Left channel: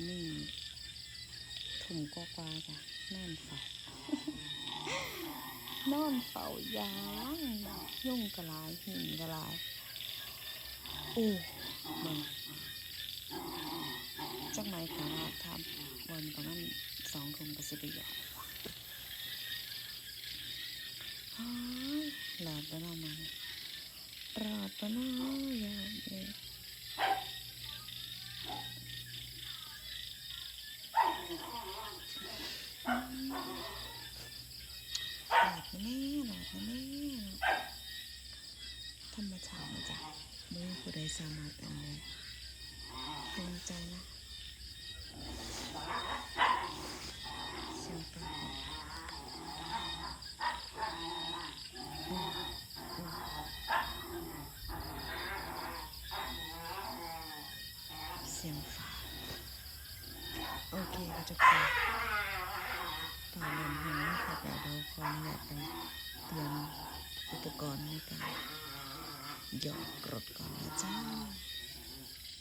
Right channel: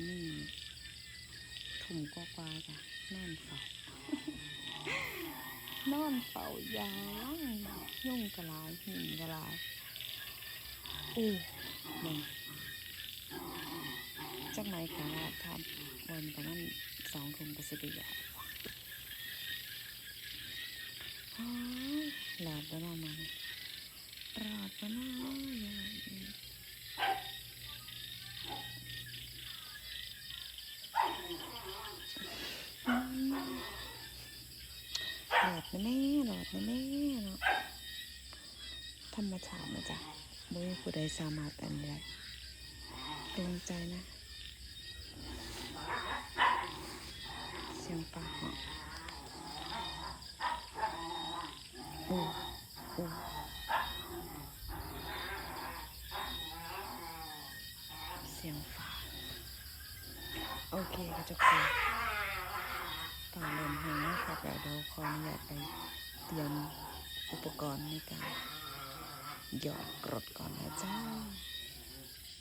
อนนี้ถุ่มกว่าจ้ะนอนเฝ้านอนเฝ้ายางยุ่งกะลายหิ่งกะลายมึงจักไหนคะทำวันประมาณ2 ทุ่มก็สิได้ยอดหลอดไปน้องมันรอดไปน้องอย่างนี้หลอดมาแน่หลอดมาแน่เนาะธรรมชาตินะจ๊ะไม่มีผู้ใดสามารถอันใดกำลังใจนะเสียงปากเนาะเสียงฟ้าโอเคค่ะทุกคนตอนเริ่มเห็นนะครับเดี๋ยวขออนุญาตไปเตรียมอุปกรณ์ในการหยอดกรดก่อนนะจ้า